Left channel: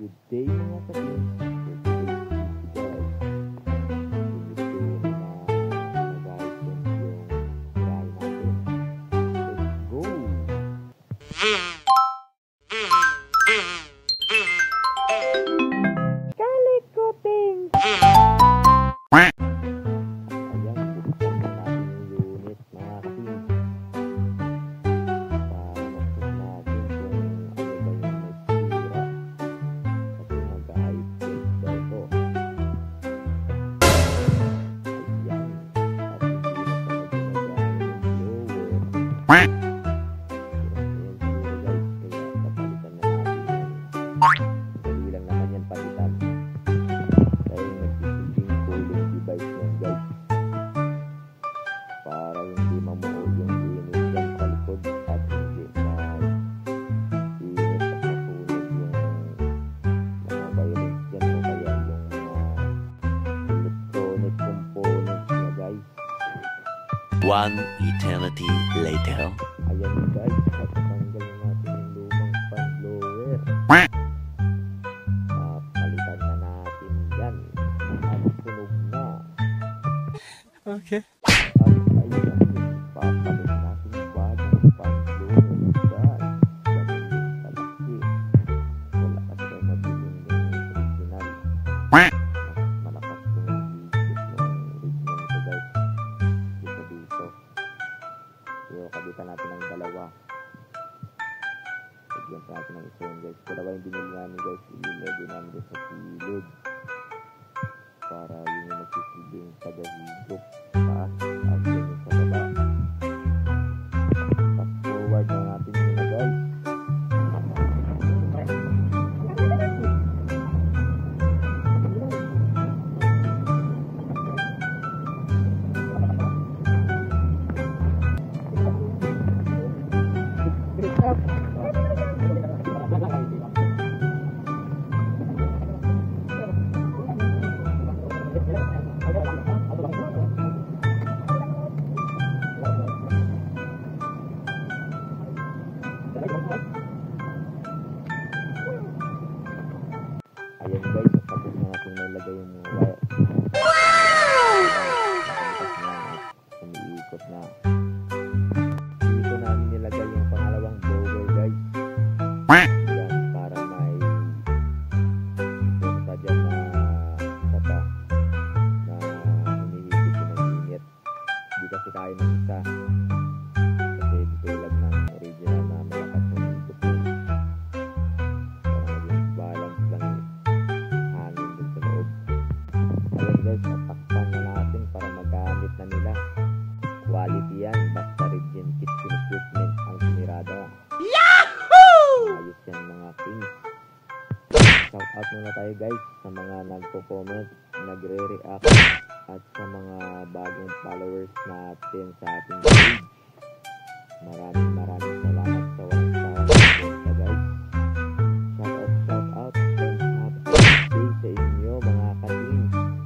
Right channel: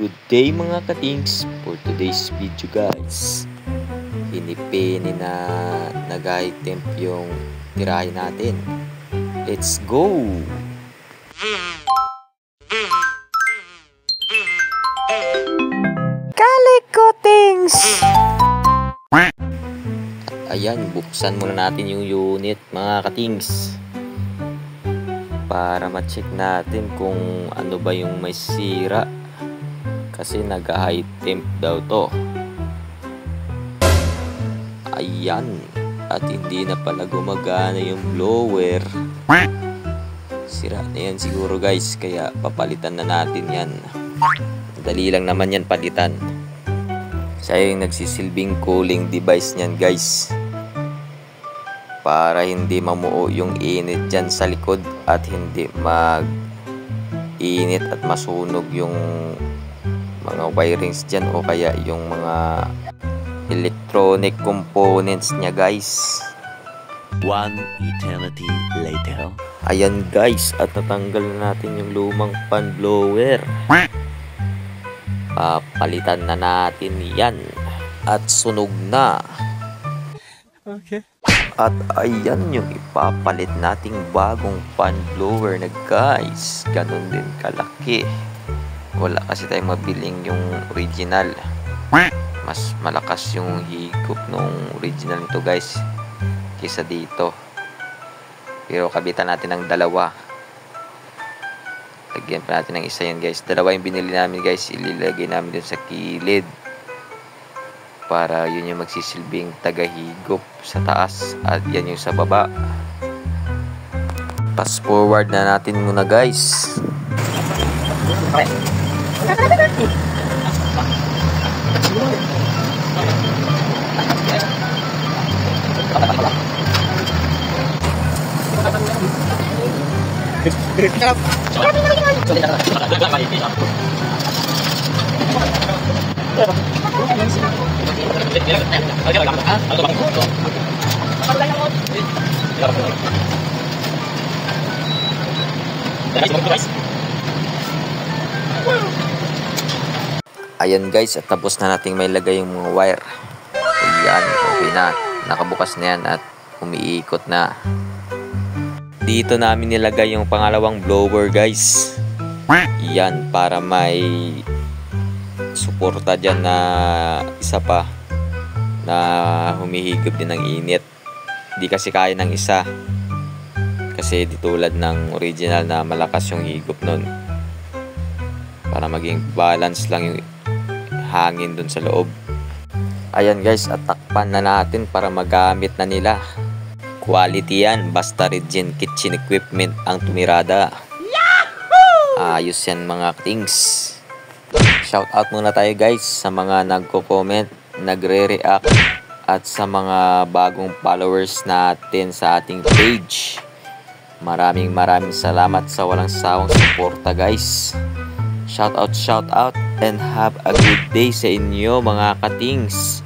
Good day mga katings, for today's video guys, hinipini na nag-itemp yung tirahin natin. Let's go! Kalikotings! At ayan, buksan muna natin yung unit mga katings para ma-check natin kung ano ba yung may sira. Kasi nag-high temp daw to. Ayan. At hindi na pala gumagana yung blower. Sira na yan siguro guys. Kaya papalitan na natin yan. Dali lang naman yan palitan. Siya yung nagsisilbing cooling device niyan guys. Para hindi mamuo yung init dyan sa likod. At hindi mag-init at masunog yung mga wirings dyan o kaya yung mga electronic components niya guys. One eternity later. Ayan guys, at natanggal na natin yung lumang fan blower. Papalitan na natin yan at sunog na. Okay. At ayan yung ipapalit nating bagong fan blower na guys. Ganon din kalaki. Wala kasi tayong mabiling yung original. Mas malakas yung higop nung original nito guys kaysa dito. Pero kabitan natin ng dalawa. Lagyan pa natin ng isa yan guys. Dalawa yung binili namin guys. Ililagay namin dun sa kilid. Para yun yung magsisilbing tagahigop sa taas. At yan yung sa baba. Fast forward na natin muna guys. Ayan guys, at tapos na nating may lagay yung mga wire. Ayan, okay na. Nakabukas na yan at umiikot na. Dito namin nilagay yung pangalawang blower guys. Yan, para may suporta dyan na isa pa na humihigop din ng init. Di kasi kaya ng isa. Kasi di tulad ng original na malakas yung higop nun. Para maging balance lang yung hangin dun sa loob. Ayan guys, at takpan na natin para magamit na nila. Quality yan, basta Regen Kitchen Equipment ang tumirada. Yahoo! Ayos yan mga things. Shout out muna tayo guys sa mga nagko-comment, nagre-react at sa mga bagong followers natin sa ating page. Maraming salamat sa walang sawang suporta guys. Shout out and have a good day sa inyo mga katings.